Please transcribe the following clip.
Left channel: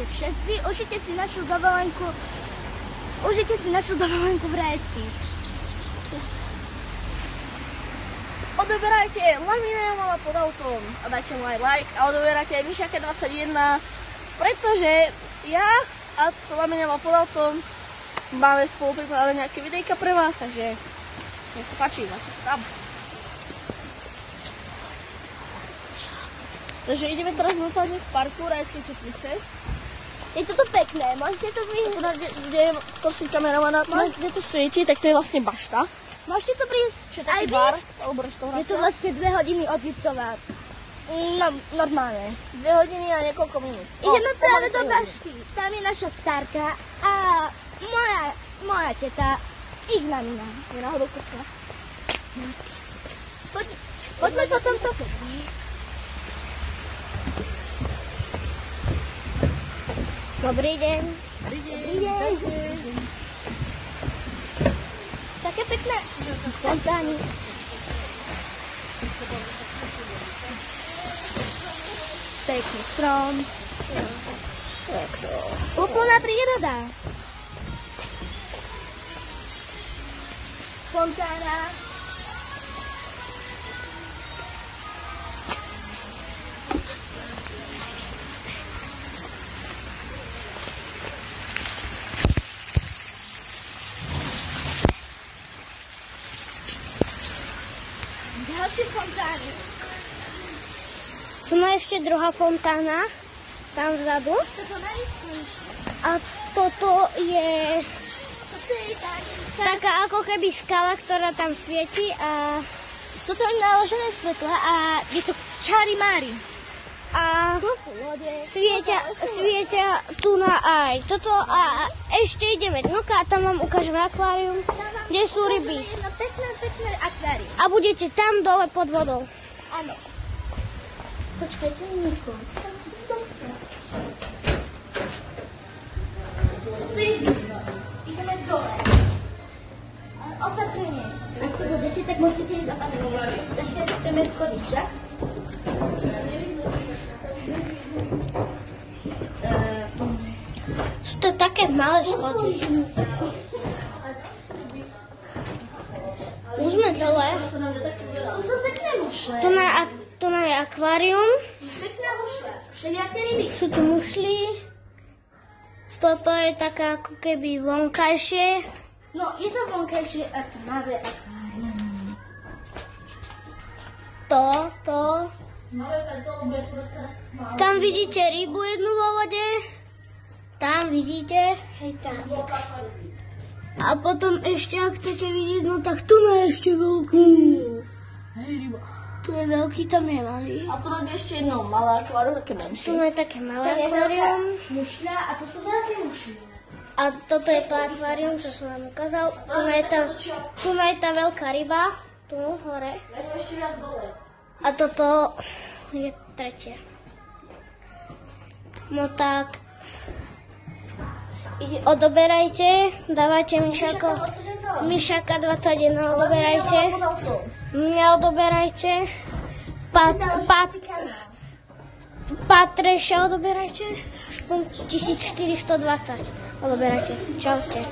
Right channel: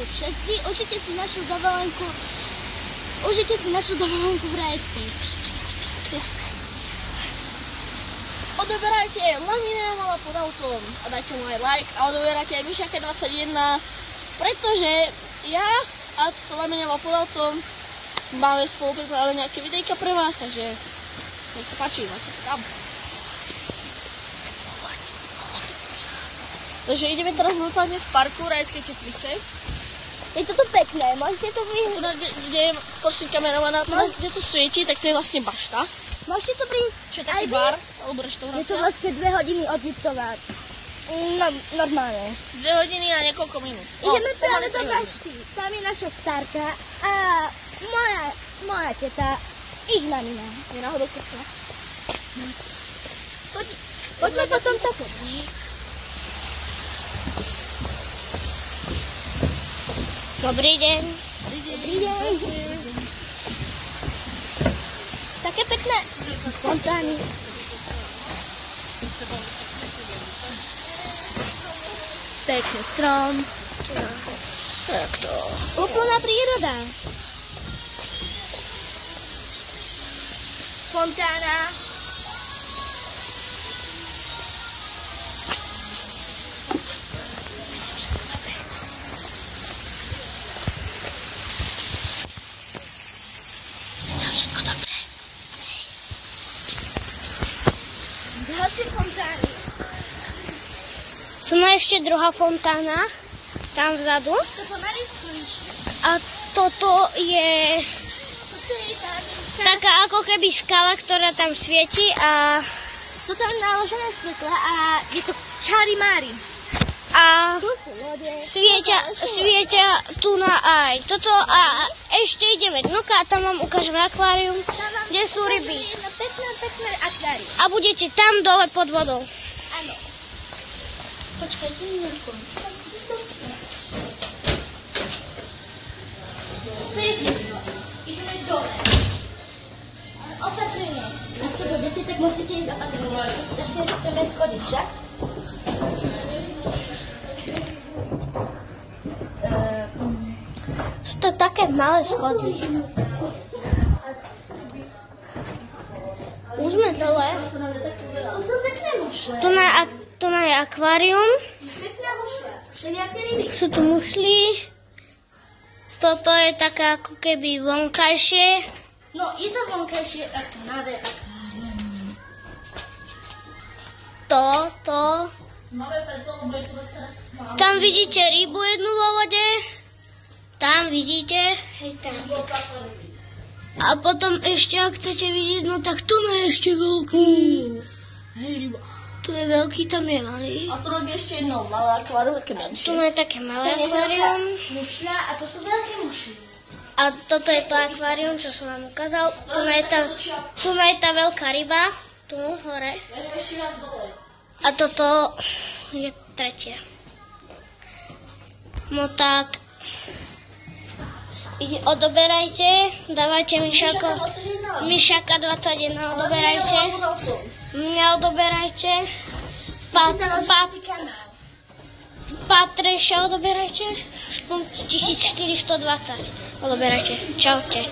ahojte všetci, užite si našu dovolenku v Rajeckých. Odoberajte Lamina Jamala pod autom a dajte mu aj like a odoberajte aj Mišaka 21, pretože ja a Lamina Jamal pod autom máme spolu pripravené nejaké videjka pre vás, takže nech sa páči, máte to tam. Takže ideme teraz momentálne v parku Rajeckej Teplice. Je to tu pekné, môžete to vyhrať. Kde je prosím kameramana, kde to svieti, tak to je vlastne bašta. Môžete to prísť. Čo je taký bar, alebo reštaurácia? Je to vlastne 2 hodiny od Liptova. No, normálne. 2 hodiny a niekoľko minút. Ideme práve do bašty. Tam je naša starka a moja teta Ignalina. Je náhodou krstná. Poďme potom takto. Dobrý deň. Dobrý deň. Také pekné fontány. Pekný strom. Tak to. Úplná príroda. Fontána. Tu je ešte druhá fontána, tam vzadu. A toto je taká ako keby skala, ktorá tam svieti a sú tam naložené svetla a je to čari-mári. A svietia tu na aj toto a ešte ideme dnuka a tam vám ukážem akvárium, kde sú ryby. Pekné akvárium. A budete tam dole pod vodou. Áno. Počkajte, minútku. Musím to stať. Ideme dole. Opatrne. Ak to budete, tak musíte ísť opatrne. Musíte strašne riskové schody, že? Sú to také malé schody. Už sme dole. Sú pekné mušle. Tu je akvárium. Pekné mušle. Všelijaké ryby. Sú tu mušly. Toto je také ako keby vonkajšie. No, je to vonkajšie a tmavé akvárium. To. Tam vidíte rybu jednu vo vode. Tam vidíte. Hej, tam. A potom ešte, ak chcete vidieť, no tak tu je ešte veľký. Hej, ryba. Tu je veľký, tam je malý. A tu je ešte jedno malé akvárium, také menšie. Tu je také malé akvárium. Mušľa a to sú veľké mušly. A toto je to akvárium, čo som vám ukázal. Tu je tá veľká ryba. Tu, hore. Ja idem ešte viac dole. A toto je tretie. No tak, odoberajte, dávajte Mišaka 21, odoberajte. Mňa odoberajte. Patreša odoberajte. 1420. Odoberajte. Čaute.